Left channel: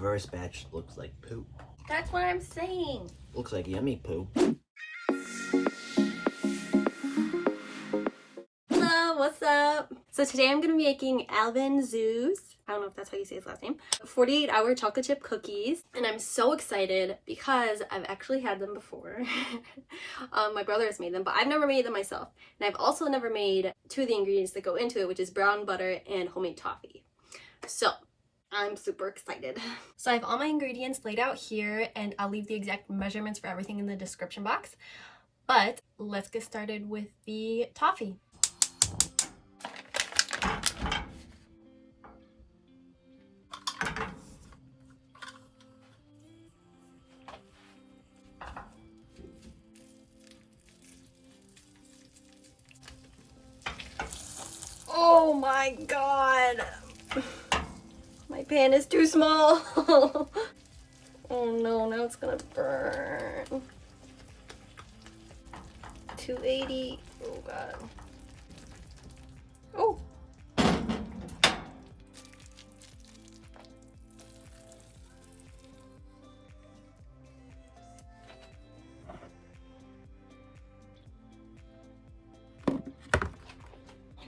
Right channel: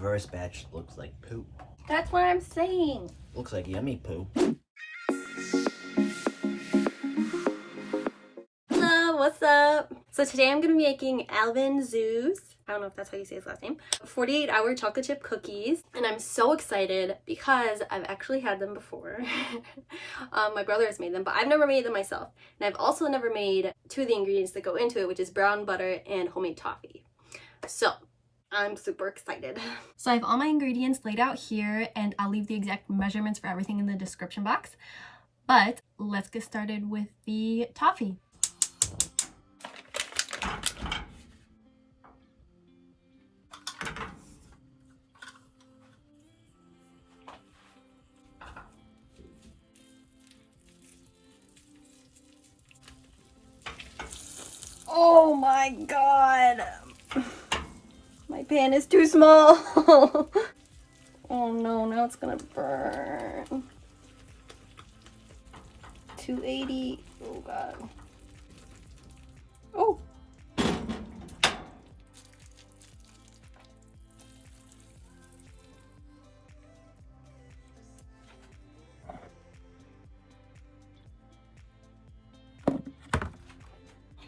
First batch looks like poop. That's what I'm saying. Looks like yummy poop. Hello, what's up? So today I'm gonna be making Alvin Zoo's, I don't know if that's how you say his last name, 48-hour chocolate chip cookies. And I'm so excited because I've actually had them before. My brother has made them, but I've never made them myself. And I've also never made two of the ingredients that go into it, which is brown butter and homemade toffee. So I'm super excited. So I have all my ingredients laid out here, and I'll leave the exact measurements for everything in the description box. But let's get started with the toffee. Oh my god! My pan is too small! Oh no, now it's gonna burn. 280. Oh god. Oh!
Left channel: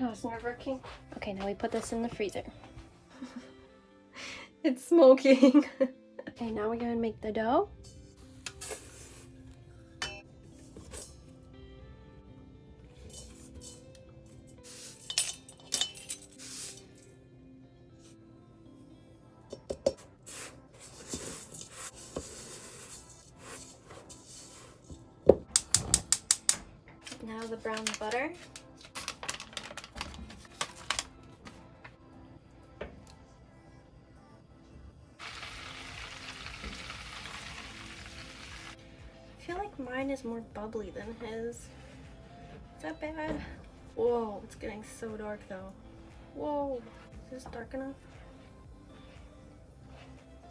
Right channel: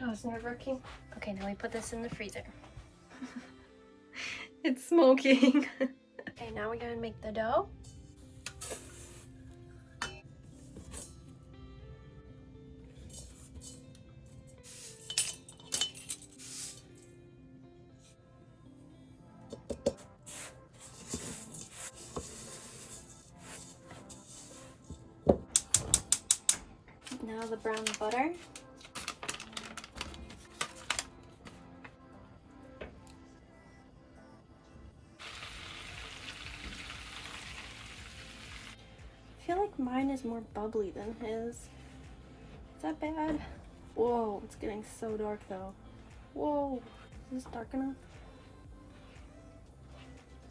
Oh, it's nerve-wracking. Okay, now we put this in the freezer. It's smoking. Okay, now we're gonna make the dough. Now the brown butter. I feel like mine is more bubbly than his. Is that bad? Whoa, it's getting so dark though. Whoa, is this dark enough?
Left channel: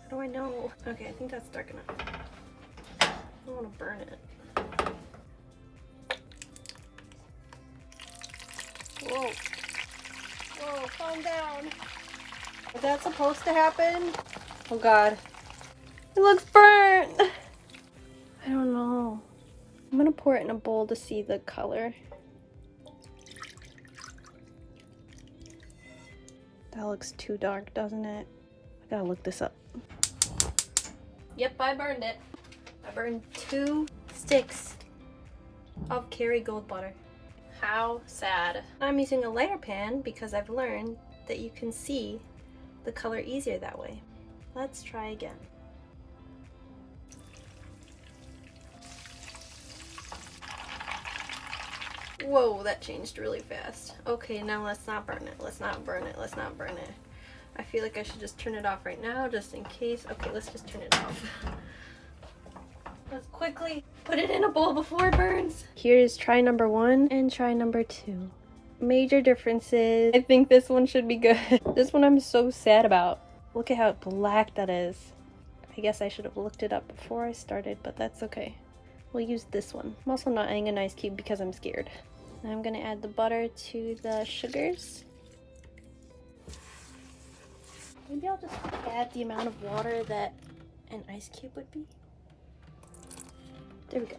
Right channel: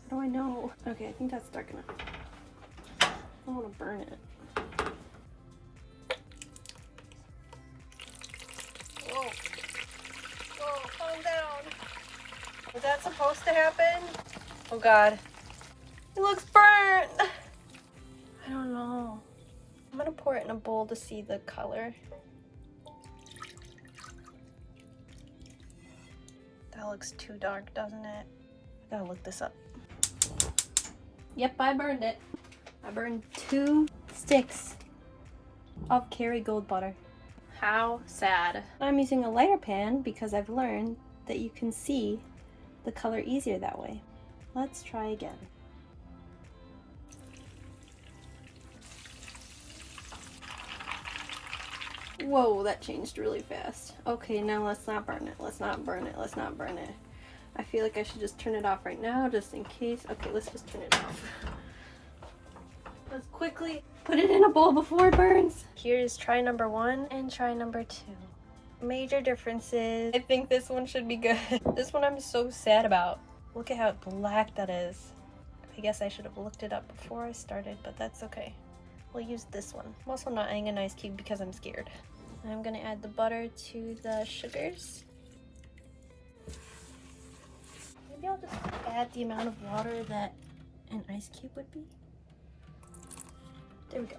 How do I know? Okay, I think that's dark enough. I don't want to burn it. Whoa. Whoa, calm down. Is that supposed to happen? Oh god. It looks burnt! I don't know. I'm gonna pour it in a bowl to see the color. That looks too dark, doesn't it? I gotta look this up. Yep, I burned it. I burned 2 sticks of Kerrygold butter. How sad. I'm using a lighter pan because I've learned that you can see the color easier that way. Let's try again. Whoa, that changed really fast. Okay, now let's not burn it. Let's not burn it. Let's not burn it. I feel like I should just turn it off right now, just in case. Okay, let's just turn it off. Let's quickly put it in a bowl before it burns. Here's try number 1 and try number 2. Major differences. I think this one should be good. This one I'm so sad about. Look at how black that is. I guess I should have looked it up before I started, but that's okay. We'll use this one. I'm also not adding an ice cube because I'm scared. Now I'm gonna add the butter to the sugars. Maybe I'll just add the amount of water that an ice cube would be. There we go.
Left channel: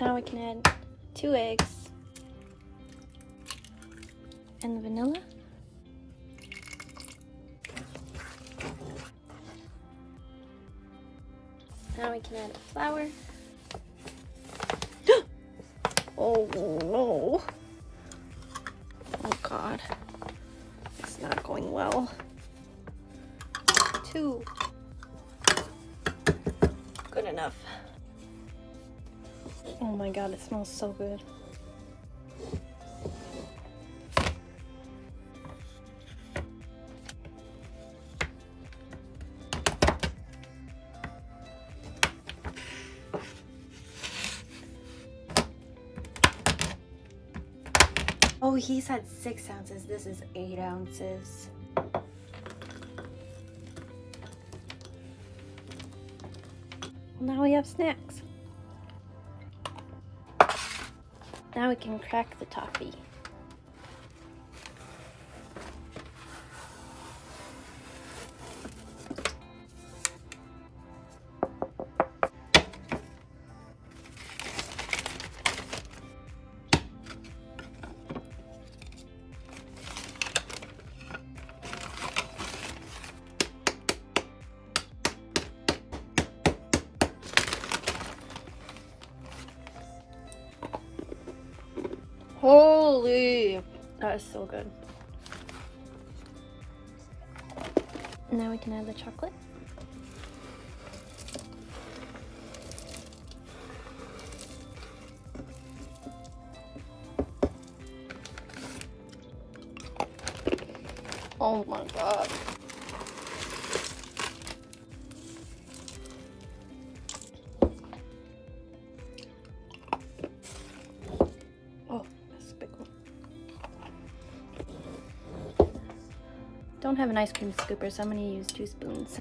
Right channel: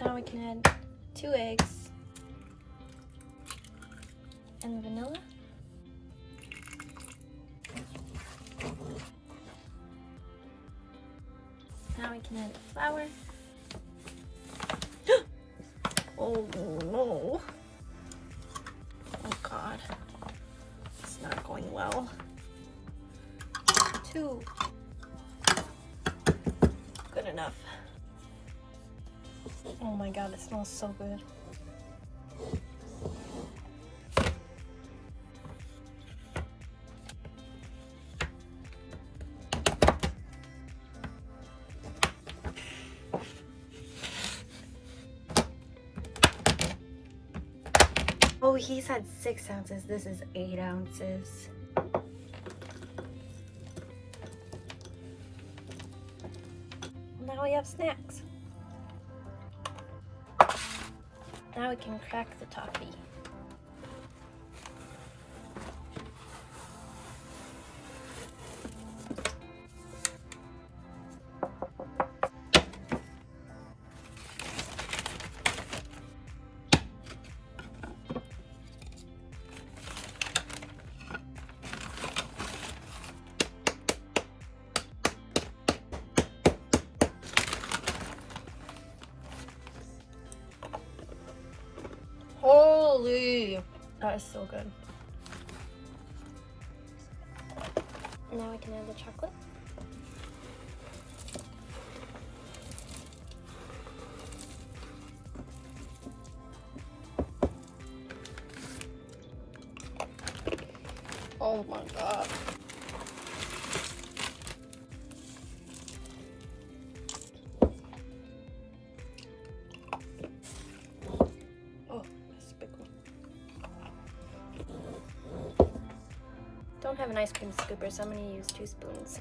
Now we can add 2 eggs and the vanilla. Now we can add the flour. Oh no. Oh god. It's not going well. 2. Good enough. Oh my god, it smells so good. Oh, he said 6 ounces. This is 8 ounces. Now we have snacks. Now we can crack the toffee. Now we can add the chocolate. Oh my god. Oh, that's a big one. Don't have an ice cream scooper, so I'm gonna use 2 spoons.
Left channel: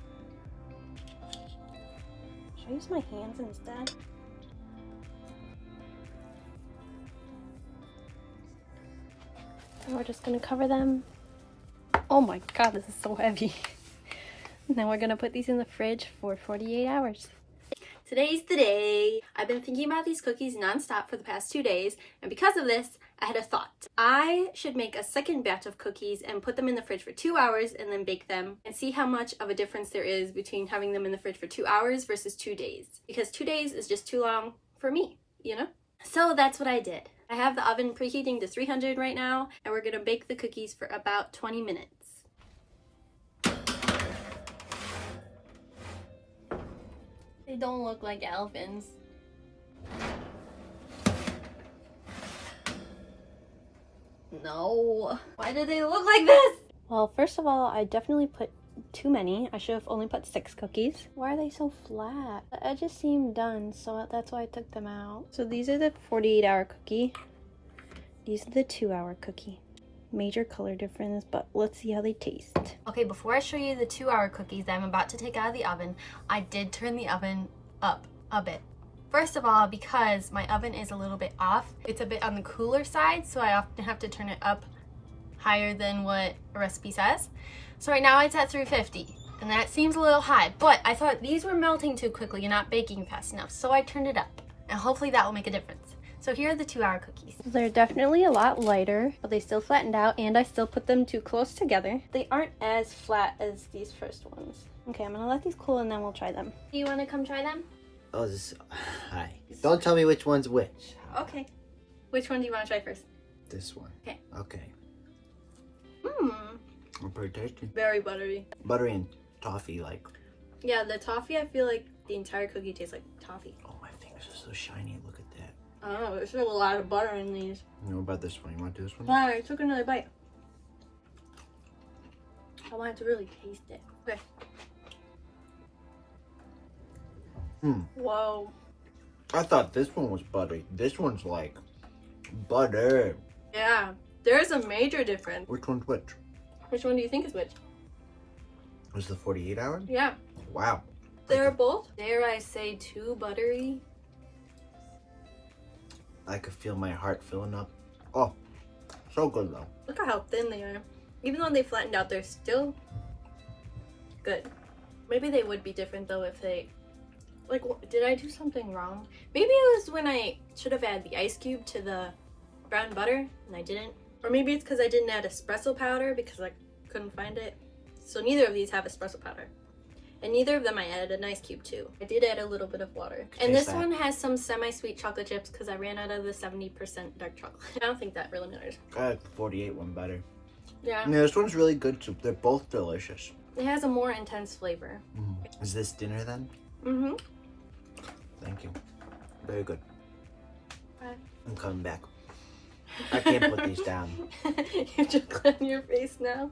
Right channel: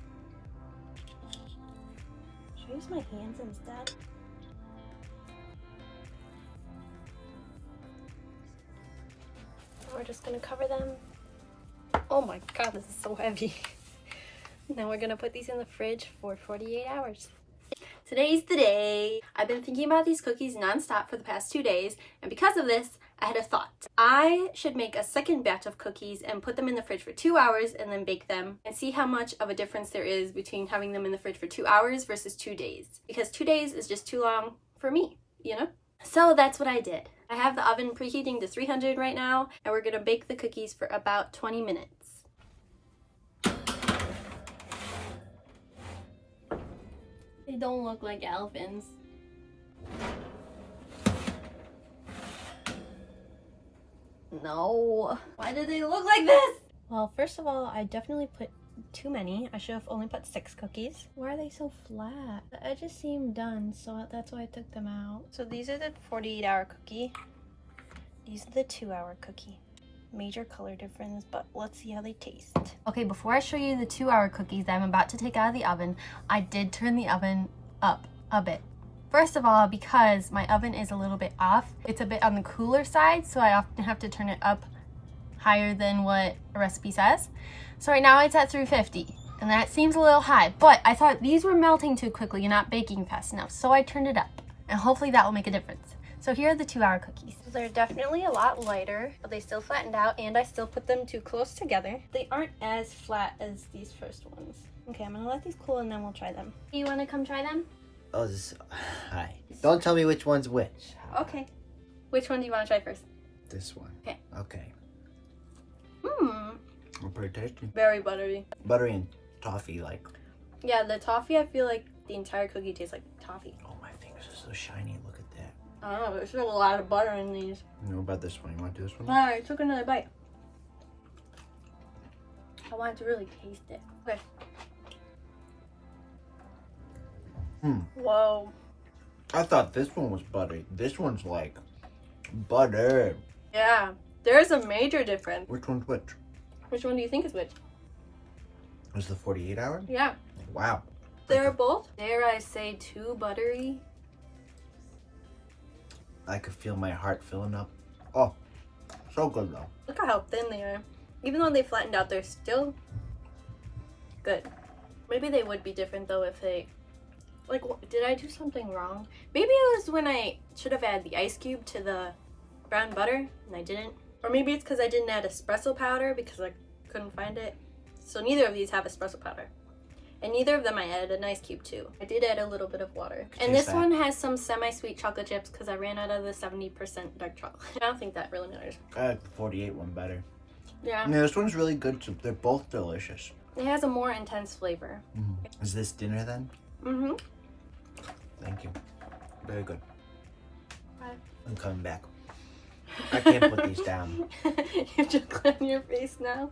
Should I use my hands instead? And we're just gonna cover them. Oh my god, this is so heavy. Now we're gonna put these in the fridge for 48 hours. Today's the day. I've been thinking about these cookies nonstop for the past 2 days, and because of this, I had a thought. I should make a second batch of cookies and put them in the fridge for 2 hours and then bake them and see how much of a difference there is between having them in the fridge for 2 hours versus 2 days. Because 2 days is just too long for me, you know? So that's what I did. I have the oven preheating to 300 right now, and we're gonna bake the cookies for about 20 minutes. They don't look like Alvin's. No. Why do they look like this? Well, first of all, I definitely put too many. I should have only put 6 cookies. Why are they so flat? The edges seem done, so that's why I took them out. So these are the 48-hour cookie. These are the 2-hour cookie. Major color difference, but let's see how they taste. Okay, before I show you the 2-hour cookies that I'm about to take out of the oven, I did turn the oven up a bit. First of all, because my oven is a little bit off, it's a bit on the cooler side, so I often have to turn it up higher than what a recipe says. So right now it's at 350, and that seems a little high, but I thought these were melting too quickly and not baking fast enough, so I turned it up, and hopefully that will make a difference. So here are the 2-hour cookies. They're definitely a lot lighter, but they still flattened out, and I still put them too close together. They aren't as flat as these first ones. Okay, I'm gonna let these cool and then we'll try them. Do you wanna come try them? Oh, hi. Don't tell me which one's which. Okay. Which one do you wanna try first? This one. Okay. Okay. Mmm. Pretty tasty. Very buttery. Buttery and toffee, like. Yeah, the toffee, I feel like the entire cookie tastes like toffee. Oh, my fingers are so shiny. Look at that. I don't know, there's still a lot of butter in these. You know about this one? You want to do this one? Alright, I took another bite. I wanted to really taste it. Okay. Whoa. I thought this one was buttery. This one's like butter. Yeah, there's a major difference. Which one's which? Which one do you think is which? Was the 48-hour? Yeah. Wow. They're both, dare I say, too buttery. I could feel my heart filling up. Oh, so good though. Look at how thin they are. Even though they flattened out, they're still good. Maybe they would be different though if they, like, did I do something wrong? Maybe it was when I should have added the ice cube to the brown butter and I didn't. Or maybe it's because I didn't add espresso powder because I couldn't find it. So neither of these have espresso powder. And neither of them I added an ice cube to. I did add a little bit of water. And this one has some semi-sweet chocolate chips because I ran out of the 70% dark chocolate. I don't think that really matters. I like the 48 one better. Yeah. Yeah, this one's really good too. They're both delicious. It has a more intense flavor. Is this dinner then? Mm-hmm. Thank you. Very good. Bye. I'm coming back. I can't put these down. You just clean your face now.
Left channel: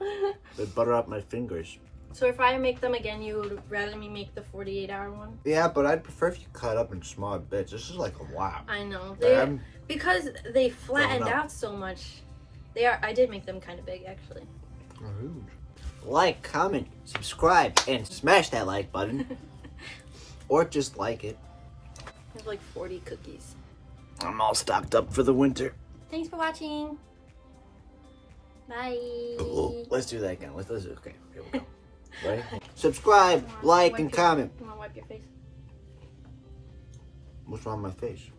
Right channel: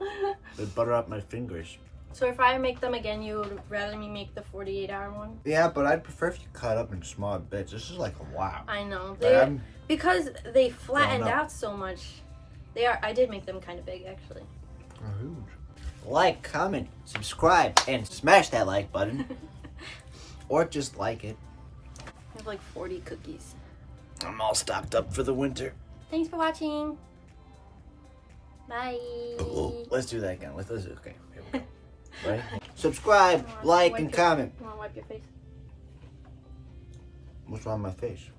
They butter up my fingers. So if I make them again, you would rather me make the 48-hour one? Yeah, but I'd prefer if you cut up in small bits. This is like a wow. I know. But because they flattened out so much. I did make them kind of big, actually. Huge. Like, comment, subscribe, and smash that like button. Or just like it. I have like 40 cookies. I'm all stocked up for the winter. Thanks for watching. Bye. Oh, let's do that again. Okay, here we go. Right? Subscribe, like, and comment. You want to wipe your face? What's wrong with my face?